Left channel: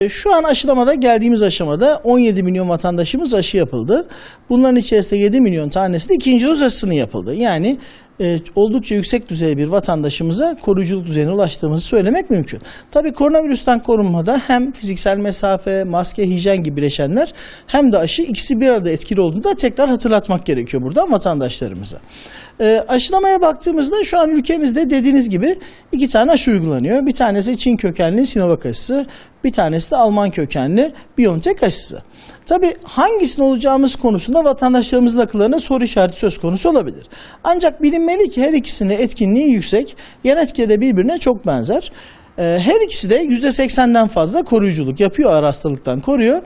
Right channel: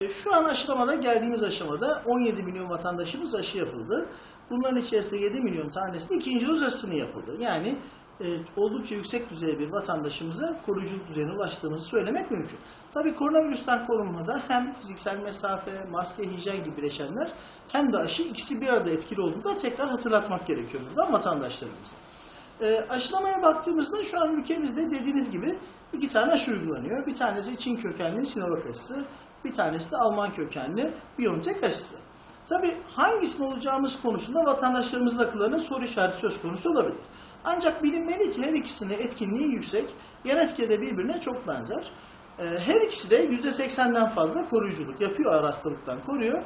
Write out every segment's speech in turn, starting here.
E, Şu an aşılamada geldiğimiz aşamada 17 milyon vatandaşımız aşı yapıldı. Bunların içerisinde 7 milyon tanesi de ikinci doz aşısının yapıldı. Yani e, oldukça yüksek düzey bir vatandaşımıza koruyuculuk düzeyine ulaştığımızı söylemek mümkün. Tabii koronavirüsten korunmada hem fiziksel mesafe, maske, hijyen gibi bileşenler hem de aşı ikisi bir arada etkili olduğunu da tekrar hatırlatmak gerekiyor burada vatandaşlarımıza. E, aşılamaya baktığımızda şu an ülkemizde dediğiniz gibi iki tane aşı uygulanıyor. Bir tanesi Çin kökenli Sinovac aşısı, bir tanesi de Alman kökenli BioNTech aşısı. Tabii hangisini olacağımız konusunda vatandaşlarımızın akıllarına soru işareti söz konusu olabilir. Ancak bilinmeli ki her ikisinin etkinliği yüksek, yan etkileri birbirine çok benzer. Ee, Her ikisi de %80'den fazla koruyuculuk yapıyor, ağır hastalıktan koruyor.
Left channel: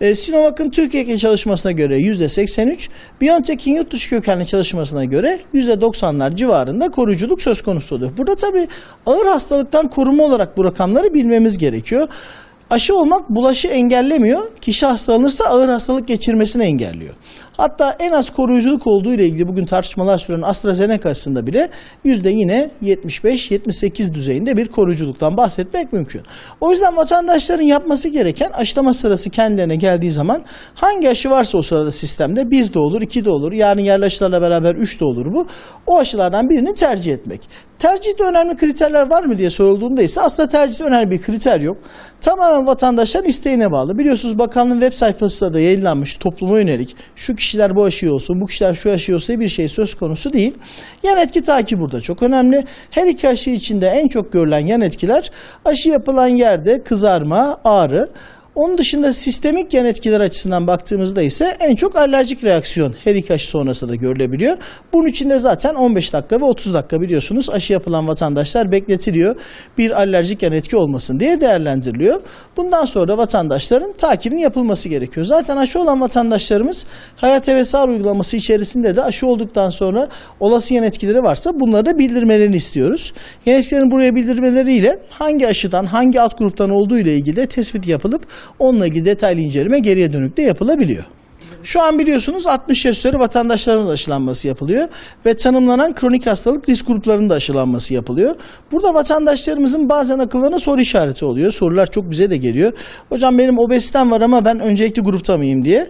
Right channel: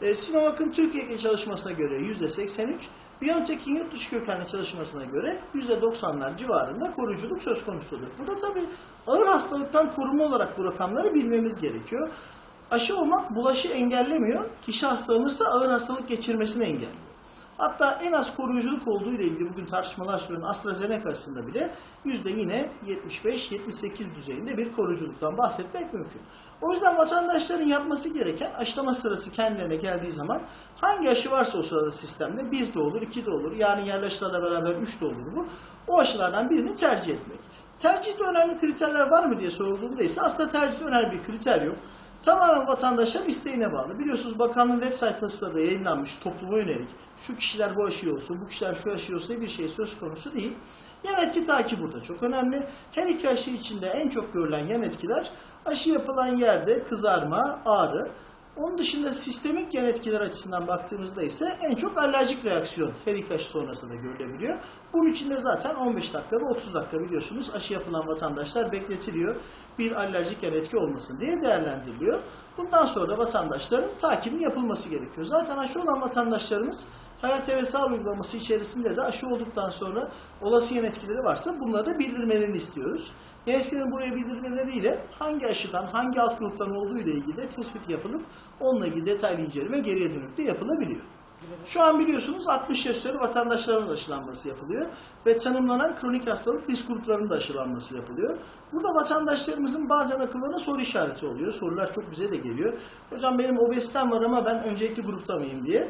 Ee, Sinovac'ın Türkiye çalışmasına göre %83, BioNTech'in yurt dışı kökenli çalışmasına göre %90'lar civarında koruyuculuk söz konusu oluyor. Burada tabii ağır hastalıktan koruma olarak bu rakamları bilmemiz gerekiyor. Aşı olmak bulaşı engellemiyor. Kişi hastalanırsa ağır hastalık geçirmesini engelliyor. Hatta en az koruyuculuk olduğu ile ilgili bugün tartışmalar süren AstraZeneca aşısında bile yüzde yine 75-78 düzeyinde bir koruyuculuktan bahsetmek mümkün. O yüzden vatandaşların yapması gereken aşılama sırası kendilerine geldiği zaman hangi aşı varsa o sırada sistemde bir de olur, iki de olur. Yani yerli aşılarla beraber üç de olur bu. O aşılardan birini tercih etmek. Tercihte önemli kriterler var mı diye sorulduğunda ise aslında tercihte önemli bir kriter yok. Tamamen vatandaşların isteğine bağlı. Biliyorsunuz bakanlığın web sayfasında da yayınlanmış topluma yönelik şu kişiler bu aşıyı olsun, bu kişiler şu aşıyı olsun diye bir şey söz konusu değil. Yan etki takibi burada çok önemli. Her iki aşı içinde en çok görülen yan etkiler aşı yapılan yerde kızarma, ağrı, onun dışında sistemik yan etkiler açısından baktığımızda ise en çok alerjik reaksiyon her iki aşı sonrasında da görülebiliyor. Bunun için de zaten 15 dakika ve 30 dakika biliyorsunuz aşı yapılan vatandaşlar bekletiliyor. Bir alerjik yan etki olmasın diye değerlendiriliyor. Bundan sonra vatandaşların takibinin yapılması gerekiyor. Zaten aşı olan vatandaşlarımız hayat ve sağlık uygulaması içerisinde de aşı olduktan sonra olası yan etkileri varsa bunları da bildirmelerini istiyoruz. Yan etkilerin buraya bildirmeleriyle hangi aşıdan hangi alt gruptan olduğu ile ilgili de tespit yapılıp onunla ilgili detaylı inceleme geriye dönük de yapılabiliyor. Şu an biliyorsunuz 60 yaş üzeri vatandaşların da aşılanması yapılıyor ve tanımlanan kronik hastalık risk gruplarının da aşılanması yapılıyor. Burada vatandaşlarımızın bazen akıllarına soru işareti oluyor. Sorular çok bize de geliyor. Hocam benim obeziten var ama ben öncelikli grupta mıyım diye.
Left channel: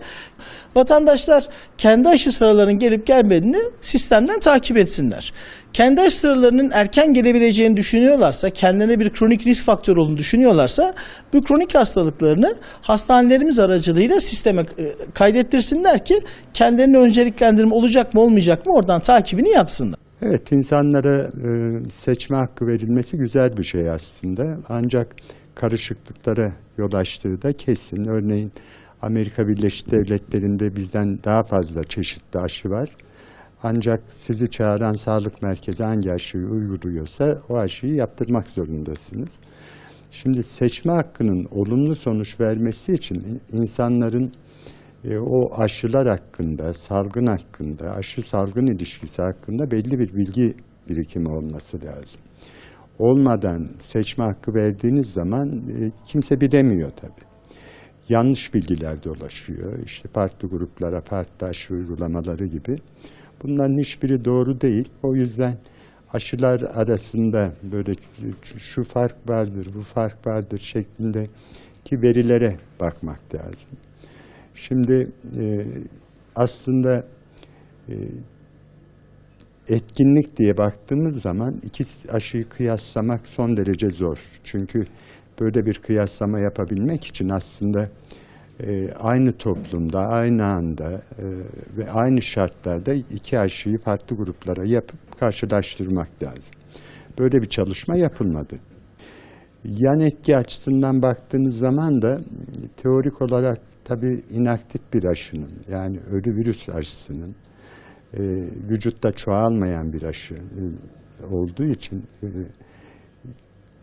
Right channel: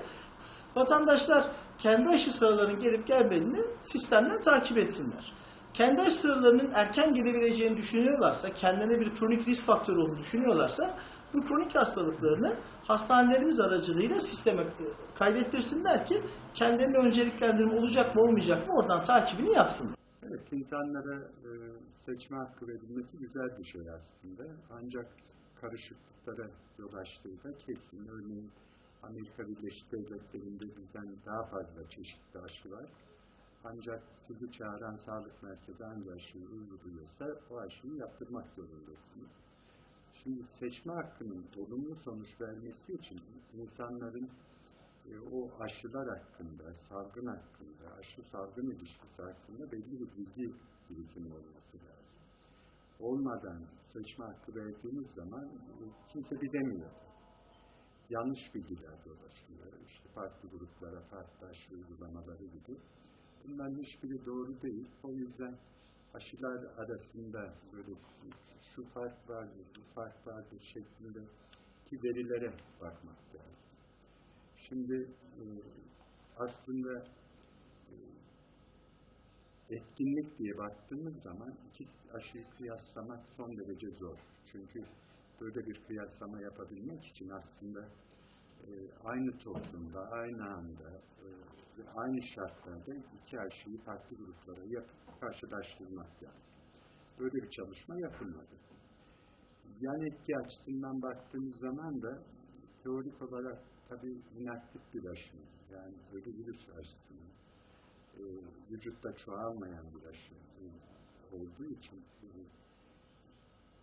Vatandaşlar kendi aşı sıralarının gelip gelmediğini sistemden takip etsinler. Kendi aşı sıralarının erken gelebileceğini düşünüyorlarsa, kendilerine bir kronik risk faktörü olduğunu düşünüyorlarsa bu kronik hastalıklarını hastanelerimiz aracılığıyla sisteme e, kaydettirsinler ki kendilerine önceliklendirme olacak mı olmayacak mı oradan takibini yapsınlar. Evet, insanlara e, seçme hakkı verilmesi güzel bir şey aslında. Ancak karışıklıklara yol açtığı da kesin. Örneğin Amerika Birleşik Devletleri'nde bizden daha fazla çeşitli aşı var. Ancak sizi çağıran sağlık merkezi hangi aşıyı uyguluyorsa o aşıyı yaptırmak zorundasınız. Şimdi seçme hakkının olumlu sonuç vermesi için insanların e, o aşılar hakkında, salgın hakkında, aşı salgın ilişkisi hakkında belli bir bilgi birikimi olması lazım. Olmadan seçme hakkı verdiğiniz zaman e, kimse bilemiyor tabii. Yanlış bilgiler dolaşıyor. İşte farklı gruplara aşı uygulamaları gibi. Bunların hiçbiri doğru değil. O yüzden aşılar arasında böyle şu fark vardır, bu fark vardır şeklindeki verilere bakmak lazım. Şimdi e, aslında e, etkinlik diye baktığımız zaman iki aşıyı kıyaslamak son derece zor. Çünkü böyle bir kıyaslama yapabilmek için aslında e, aynı toplumda, aynı anda e, ve aynı şartlarda iki aşıyı farklı gruplara yapıp karşılaştırmak lazım. Böyle bir çalışma yapılmadı. Yan etki açısından baktığınız zaman da teorik olarak tabii inaktif bir aşının yani ölü virüs aşısının e, vücutta çoğalmayan bir aşı e, olduğu için e,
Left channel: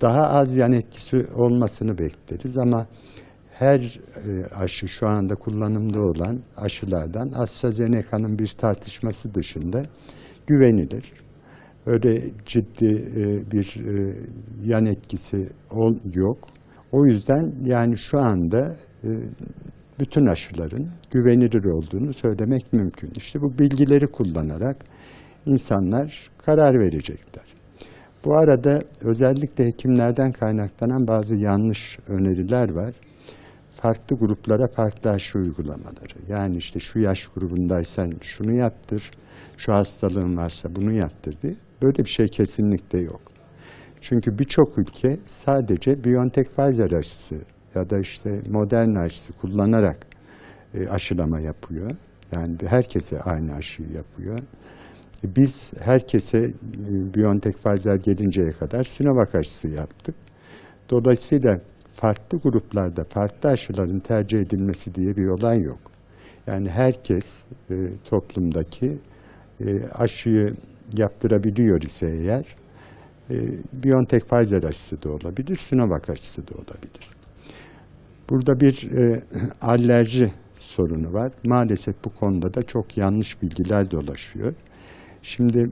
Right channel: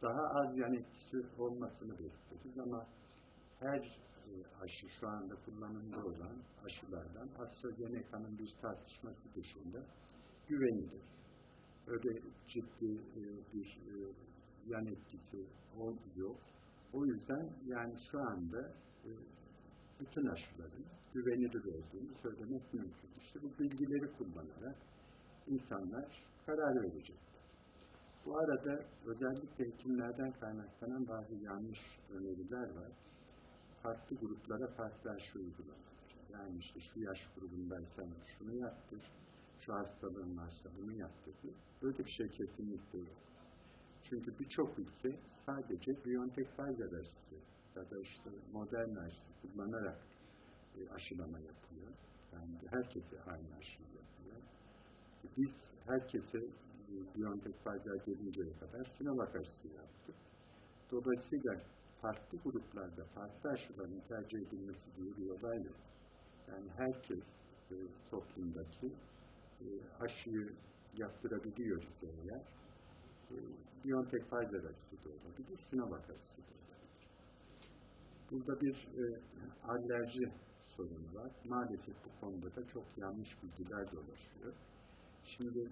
daha az yan etkisi olmasını bekleriz ama her e, aşı şu anda kullanımda olan aşılardan AstraZeneca'nın bir tartışması dışında güvenilir. Öyle ciddi e, bir e, yan etkisi yok. O yüzden yani şu anda bütün aşıların güvenilir olduğunu söylemek mümkün. İşte bu bilgileri kullanarak insanlar karar verecekler. Bu arada özellikle hekimlerden kaynaklanan bazı yanlış öneriler var. farklı gruplara farklı aşı uygulamaları. Yani işte şu yaş grubundaysan şunu yaptır, şu hastalığın varsa bunu yaptır diye. Böyle bir şey kesinlikle yok. Çünkü birçok ülke sadece BioNTech Pfizer aşısı ya da işte Moderna aşısı kullanarak e, aşılama yapıyor. Yani herkese aynı aşıyı yapıyor. Biz herkese e, BioNTech Pfizer gelinceye kadar Sinovac aşısı yaptık. Dolayısıyla farklı gruplarda farklı aşıların tercih edilmesi diye bir olay yok. Yani herkes e, toplumdaki e, aşıyı yaptırabiliyor ise eğer e, BioNTech Pfizer aşısı da olabilir, Sinovac aşısı da olabilir. Burada bir e, alerji sorunu var. Maalesef bu konuda da çok yanlış bilgiler dolaşıyor. Şimdi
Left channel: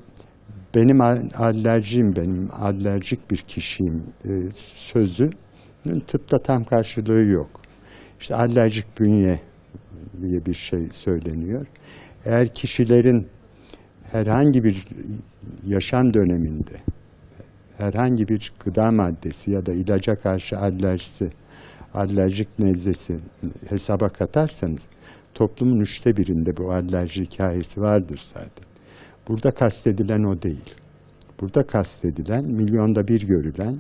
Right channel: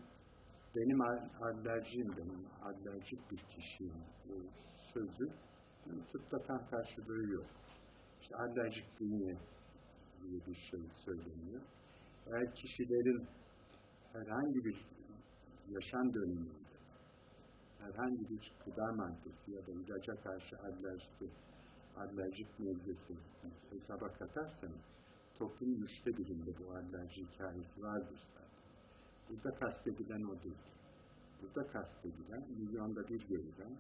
benim al- alerjim, benim alerjik bir kişiyim e, sözünün tıpta tam karşılığı yok. İşte alerjik bünye diye bir şey söyleniyor. Eğer kişilerin herhangi bir yaşam döneminde herhangi bir gıda maddesi ya da ilaca karşı alerjisi, alerjik nezlesi hesaba katarsanız toplumun üçte birinde bu alerji hikayesi vardır zaten. Burada kastedilen o değil. Burada kastedilen milyonda bir görülen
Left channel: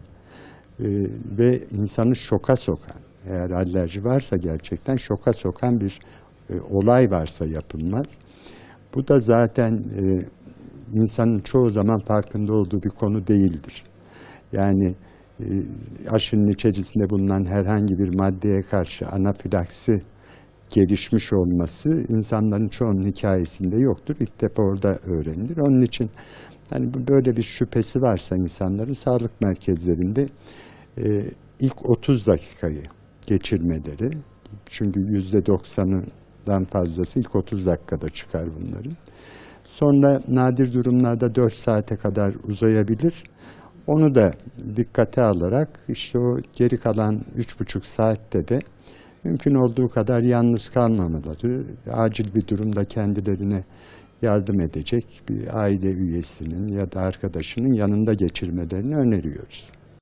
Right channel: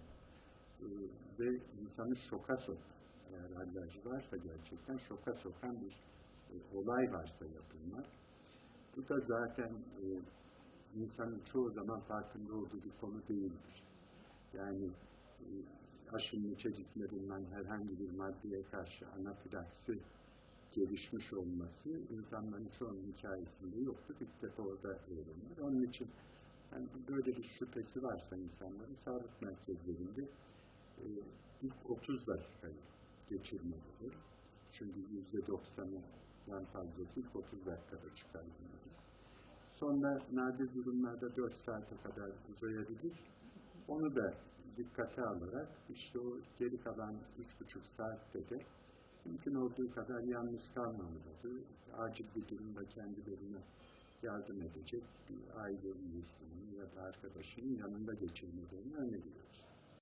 e, ve insanı şoka sokan, eğer alerji varsa gerçekten şoka sokan bir e, olay varsa yapılmaz. Bu da zaten e, insanın çoğu zaman farkında olduğu bir konu değildir. Yani e, aşının içerisinde bulunan herhangi bir maddeye karşı anafilaksi gelişmiş olması insanların çoğunun hikayesinde yoktur. İlk defa orada öğrenilir. Onun için hani böyle bir şüphesi varsa insanların sağlık merkezlerinde e, ilk 30 dakikayı geçirmeleri çünkü yüzde doksanından fazlası ilk 30 dakikada çıkar bunların. Sonra nadir durumlarda 4 saate kadar uzayabilir. Onu da dikkate alarak işte o geri kalan 3,5 saatte de mümkün olduğu kadar yalnız kalmamaları, acil bir durumda kendilerine yardım edecek bir aile üyesinin ya da arkadaşının yanında geçirmelerini öneriyoruz.